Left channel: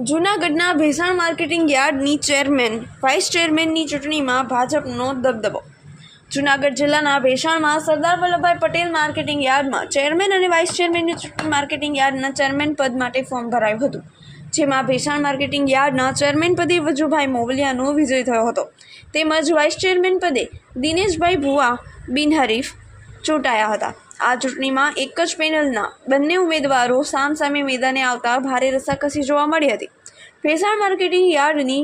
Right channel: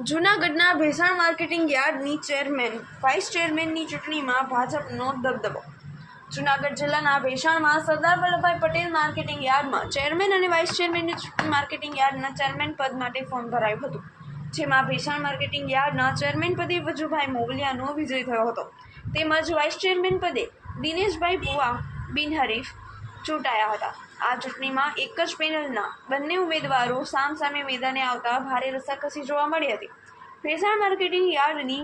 જૂનાગઢના ભેસાણ માર્કેટિંગ યાર્ડની chairman, vice ચેરમેનની ચૂંટણીમાં ભાજપનો દબદબો. જૂનાગઢ જિલ્લાના ભેસાણમાં સરદાર વલ્લભભાઈ પટેલ માર્કેટિંગ યાર્ડમાં ચેરમેન અને વાઇસ ચેરમેનની ચૂંટણી માર્કેટિંગ યાર્ડના ચેરમેન પદ માટે ફોર્મ ભરાયું હતું. જેમાં ભેસાણ માર્કેટિંગ યાર્ડના ચેરમેન પદે વજુભાઈ મોવલિયાનો વિજય થયો હતો. તેમજ વાઇસ ચેરમેન પદે દિનેશભાઈ ભુવા બિનહરીફ ચૂંટાયા હતા. આ ચૂંટણીમાં એક જ પેનલના બંને ઉમેદવારો સામસામે મેદાને આવતા ભારે રસાકસી જોવા મળી હતી. ભેસાણ માર્કેટિંગ યાર્ડની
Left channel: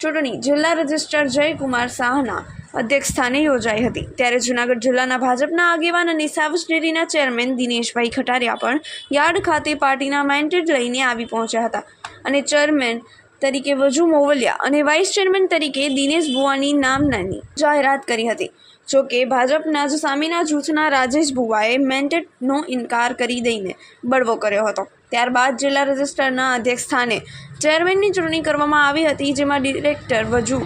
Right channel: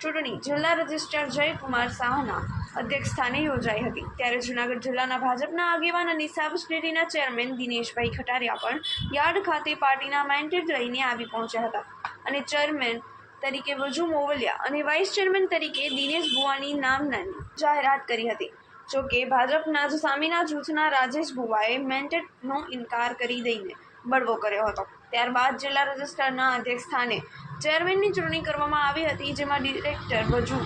ચૂંટણી જિલ્લા રજિસ્ટ્રાર જયકુમાર શાહના અધ્યક્ષસ્થાને યોજાઈ હતી. ત્યારે જૂનાગઢ જિલ્લાના ભાજપના આગેવાન અને સાવજ ડેરીના ચેરમેન દિનેશભાઈ ખટારિયા પણ યાર્ડ ખાતે પાર્ટીના મેન્ટેડ લઈને આવી પહોંચ્યા હતા. અને ચેરમેન તરીકે વજુ મોવલિયા અને વાઇસ ચેરમેન તરીકે દિનેશ ભુવાની નામનાની જાહેરાત કરી હતી. જોકે ભાજપના જ સામેના જૂથના રાજેશ ભુવાએ મેન્ડેટનો ઇનકાર કરી દઈને બળવો કર્યો હતો. ત્યારબાદ જિલ્લા રજિસ્ટ્રારના અધ્યક્ષ સ્થાને ચેરમેનની ચૂંટણી કરવામાં આવી હતી, જેમાં ડિરેક્ટર વજુ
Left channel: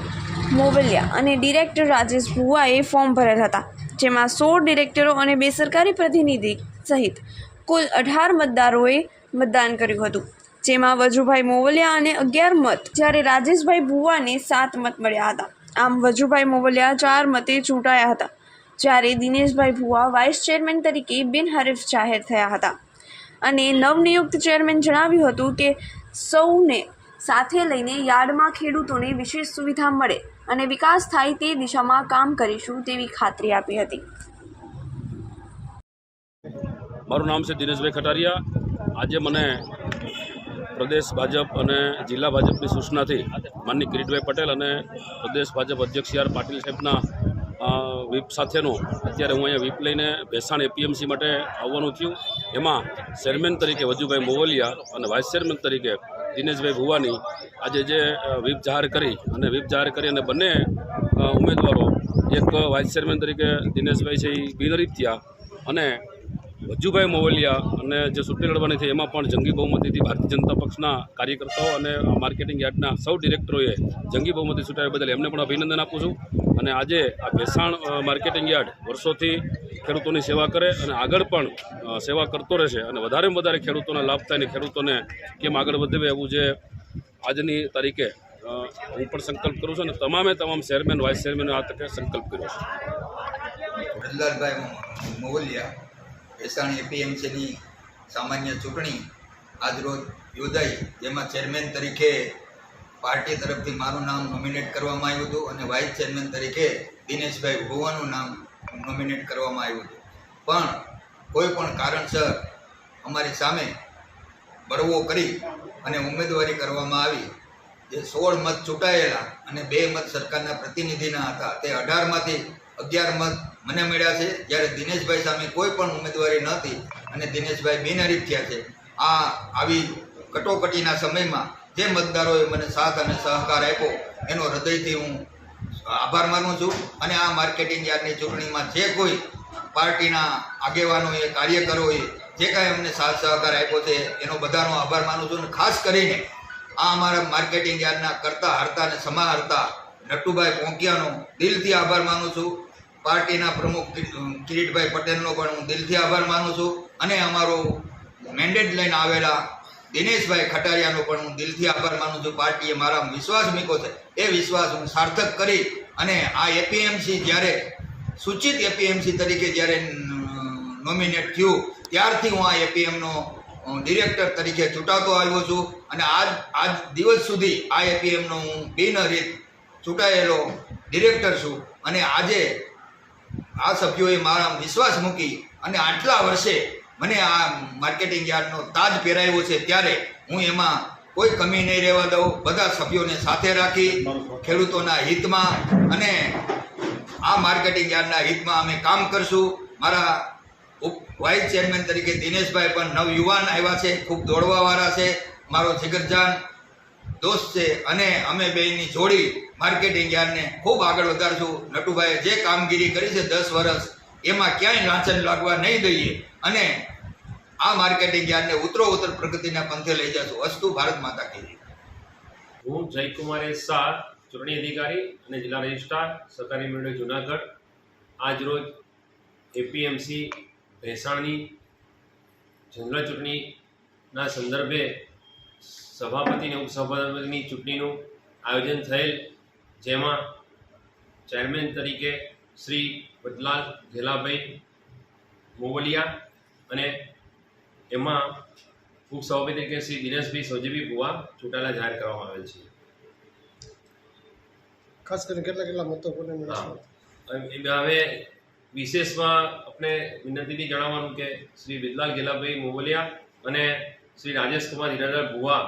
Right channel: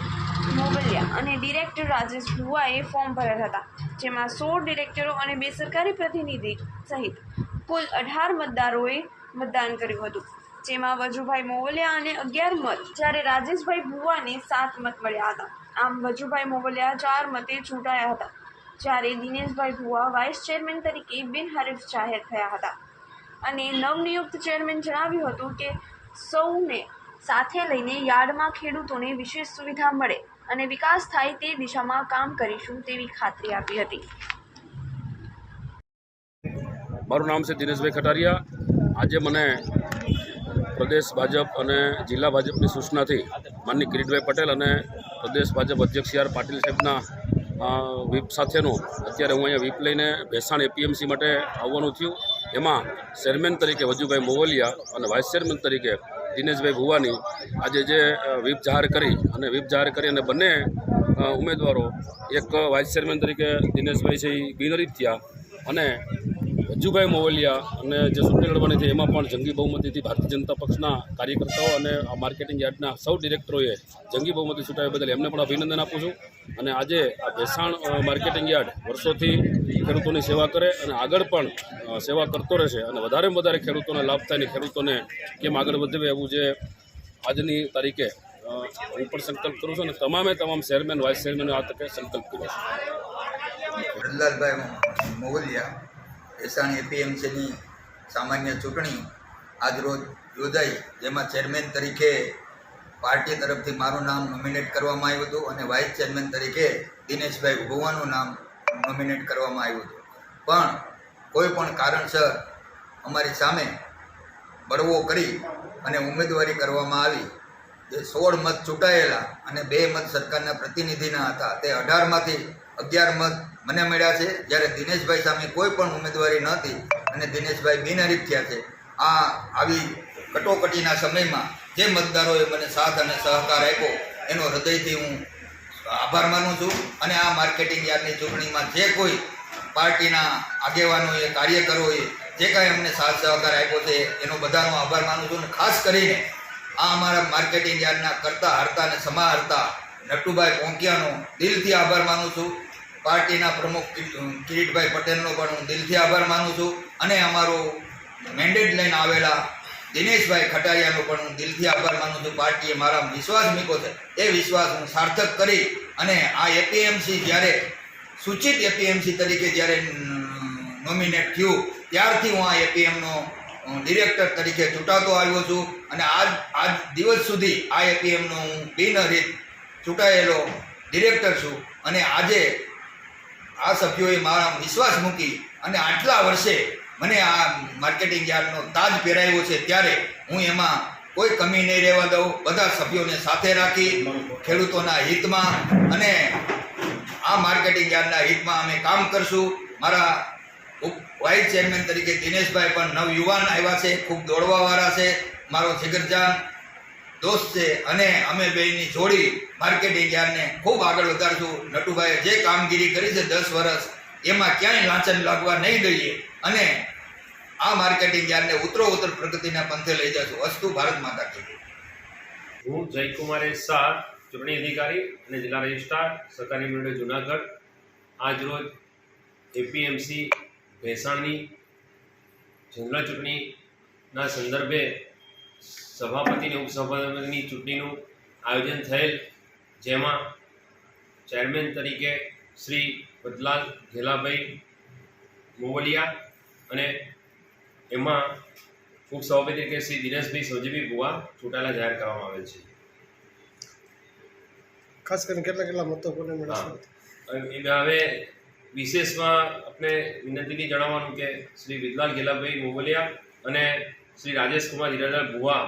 મોવલિયા અને ડિરેક્ટર રાજેશ ભુવાએ ફોર્મ ભરેલ હતા, જેમાં સોળ ડિરેક્ટરો અને બે સરકારી પ્રતિનિધિ સહિત કુલ અઢાર મતદારોએ મતદાન કર્યું હતું. જેમાં વજુભાઈ મોવલિયા અને અગિયાર મત, જ્યારે રાજેશભાઈ ભુવાને સાત મત મળ્યા હતા. આમ વજુભાઈ મોવલિયા ચાર મતે ચૂંટાયા હતા, જ્યારે દિનેશભાઈ ભુવા વાઇસ ચેરમેન તરીકે બિનહરીફ જાહેર થયા હતા. અને નવનિયુક્ત ચેરમેન જણાવ્યું હતું કે, સૌને સાથે લઈને યાર્ડમાં ખેડૂતોને વિશેષ સુવિધા મળે અને વિકાસ થાય તે દિશામાં કામ કરીશું તેવી ખાતરી આપી હતી. મારું નામ છે દિનેશભાઈ ખટારિયા. આજે મને પ્રદેશ ભાજપ અને જિલ્લા ભાજપની સૂચનાથી માનની કિરીટભાઈ પટેલ અને પ્રદેશ ભાજપ અધ્યક્ષ સી આર પાટીલ સાહેબના વ્હીપ સાથેનું અત્યારે હું અહીંયા વ્હીપ લઈને ભેસાણ એપીએમસી માટે આવવાનું થયું. એમાં ચેરમેન તરીકે વજુભાઈ મોવલિયા અને વાઇસ ચેરમેન તરીકે દિનેશભાઈ ભુવાની આજે જે વ્હીપ જાહેર કરી અને વ્હીપ જાહેર કરી અને બંને ઉમેદવારો, એક વાઇસ ચેરમેન તરીકે દિનેશભાઈ છે એ બિનહરીફ થયા અને વજુભાઈ મોવલિયા અને જે ચૂંટણી લડવાની થઈ એમાં પણ જંગી બહુમતીથી ભારતીય જનતા પક્ષના કાર્યકર્તાઓ અને માર્કેટિંગ યાર્ડના સૌ ડિરેક્ટરોએ જંગી બહુમતી ચૂંટાવ્યા બદલ એમને પણ અભિનંદન આપું છું. અને આજે આ ભેસાણ માર્કેટિંગ યાર્ડ વર્ષોથી ખેડૂતોની સેવા કરે અને આગળ પણ સેવા કરતો રહેશે અને વધારેમાં વધારે ખેડૂતોને લાભ થાય અને ખેડૂતોને કેમ આગળ વધે એવું જે આજની તારીખે હું પણ સંકલ્પ કરું છું અને તમામે તમામ ચેરમેન, વાઇસ ચેરમેને આ તકે સંકલ્પ કર્યો છે. પ્રહલાદભાઈ મોવલિયા એપીએમસીની સામાન્ય ચૂંટણી આજરોજ યોજાઈ. જેમાં ચેરમેન તરીકે પાર્ટી તરફથી મારું નામ નોમિનેટ કરવામાં આવ્યું હતું અને વાઇસ ચેરમેન તરીકે દિનેશભાઈ ભુવાનું નામ નોમિનેટ કરવામાં આવ્યું હતું. પણ કોઈ પણ કારણસર અમારી સામે બળવો કરી અને ઉમેદવારી કરવામાં આવી. જે સોળ મત ચૂંટાયેલા અને બે મત સરકારના પ્રતિનિધિના હતા તે અઢારમાંથી અગિયાર મત મને મળ્યા છે જ્યારે દિનેશભાઈ સામે કોઈ પણ ઉમેદવારી નહોતી અને દિનેશભાઈ બિનહરીફ થયા છે. આ આવી કટોકટીના સમયમાં જે મતદારોએ મને સાથ અને સહકાર આપ્યો, એનો હૃદયથી હું આભાર માનું છું અને આ માર્કેટિંગ યાર્ડની ચૂંટણીમાં જે કોઈ પાર્ટીના આગેવાનોએ કાર્યકરોએ જે કાંઈ અમને સાથ સહકાર આપ્યો છે, એનો બધાનો આભાર માનું છું અને ખાસ કરીને આ અમારા માર્કેટિંગ યાર્ડના કરતા હારતા અને સમાહર્તા નટુભાઈ પોંકિયાનો દિલથી આભાર માનું છું. પાર્ટીના પ્રમુખ કિરીટભાઈ પટેલનો પણ હું દિલથી આભાર માનું છું. અને અમારો મેન્ડેટ લઈને આવેલા દિનેશભાઈ ખટારિયાનો પણ હું દિલથી આભાર માનું છું. પાર્ટીએ મારા વિશ્વાસ મૂક્યો છે. એ વિશ્વાસ હું સાર્થક કરી અને આ એપીએમસી જ્યારે, સૂચિત એપીએમસી તરીકે જ્યારે નોમિનેટ થયું, ત્યારથી હું આ એપીએમનો ડિરેક્ટર તરીકે ચૂંટાતો આવ્યો છું. અને આજ આજ દિવસ સુધી આ એપીએમનો હું બિનહરીત ચૂંટાયેલો ડિરેક્ટર છું. અને આજે આ સભ્યોએ મારા વિશ્વાસ મૂકી અને આટલા વર્ષે મને આ માર્કેટિંગ યાર્ડનો તાજ પહેરાવ્યો છે ત્યારે હું એમાં કોઈ કમી નહીં રહેવા દઉં. બધા સભ્યોને સાથે રાખી ખેડૂતોના હિતમાં અને આ માર્કેટિંગ યાર્ડના હિતમાં અમે કામ કરશું. મારા વાઇસ ચેરમેન તરીકે દિનેશભાઈ પણ નવયુવાન આવ્યા છે, ખૂબ દોડવાવાળા છે. મારો જીગરજાન દોસ્ત છે અને અમે બેની જોડી માર્કેટિંગ યાર્ડને ખૂબ આગળ વધારશું. નટુભાઈએ જે કામગીરી કરી છે દસ વર્ષ, એમાં ક્યાંય લાંચન લાગવા નહીં દઈએ. અને આ માર્કેટિંગ યાર્ડને ઉતરો ઉત્તર પ્રગતિના પંથે લઈ જશું. અસ્તુ ભારત માતા કી હું જયકુમાર એસ શાહ ચૂંટણી અધિકારી અને જિલ્લા રજિસ્ટ્રાર, સરકારી મંડળ જુનાગઢ. આજરોજ એપીએમસી ભેસાણની જનરલ ચૂંટણીના સંદર્ભે સભાપતિ અને ઉપસભાપતિની ચૂંટણીનું આયોજન થયેલ જેમાં ચેરમેન તરીકે શ્રી બદલાલ ઘેલાભાઈ મોવલિયા અને એમાં ઉપસભાપતિ તરીકે શ્રી દિનેશભાઈ સૌજીભાઈ ભુવા ચૂંટાયેલા જાહેર કરવામાં આવેલ છે. ખાસ કરીને કેટલા કેટલા મતો કોને મળ્યા હવે વિશેષમાં આપણે વિનંતીની જણાવવાનું કે શ્રી વિદલાલ ગેલાભાઈ મોવલિયા અને શ્રી રાજેશકુમાર હીરાલાલ ભુવા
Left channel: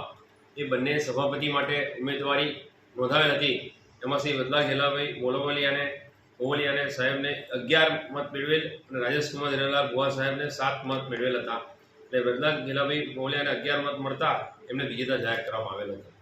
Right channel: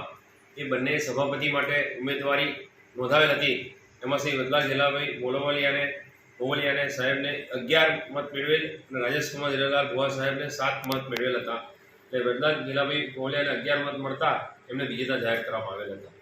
એ બંને સભાપતિ માટે ઉમેદવારી નોંધાવેલ હતી. એમાં શ્રી વિદલાલ ગેલાભાઈ મોલોવલિયાને મોવલિયાને સાહેબને અગિયાર મત મેળવેલ અને રાજેશકુમાર હીરાલાલ ભુવા સાહેબને સાત મત મેળવેલ હતા. એટલે વિદલાલ ગેલાભાઈ મોવલિયાને અગિયાર મત મળતા એમને વિજેતા જાહેર કરવામાં આવેલ હતા.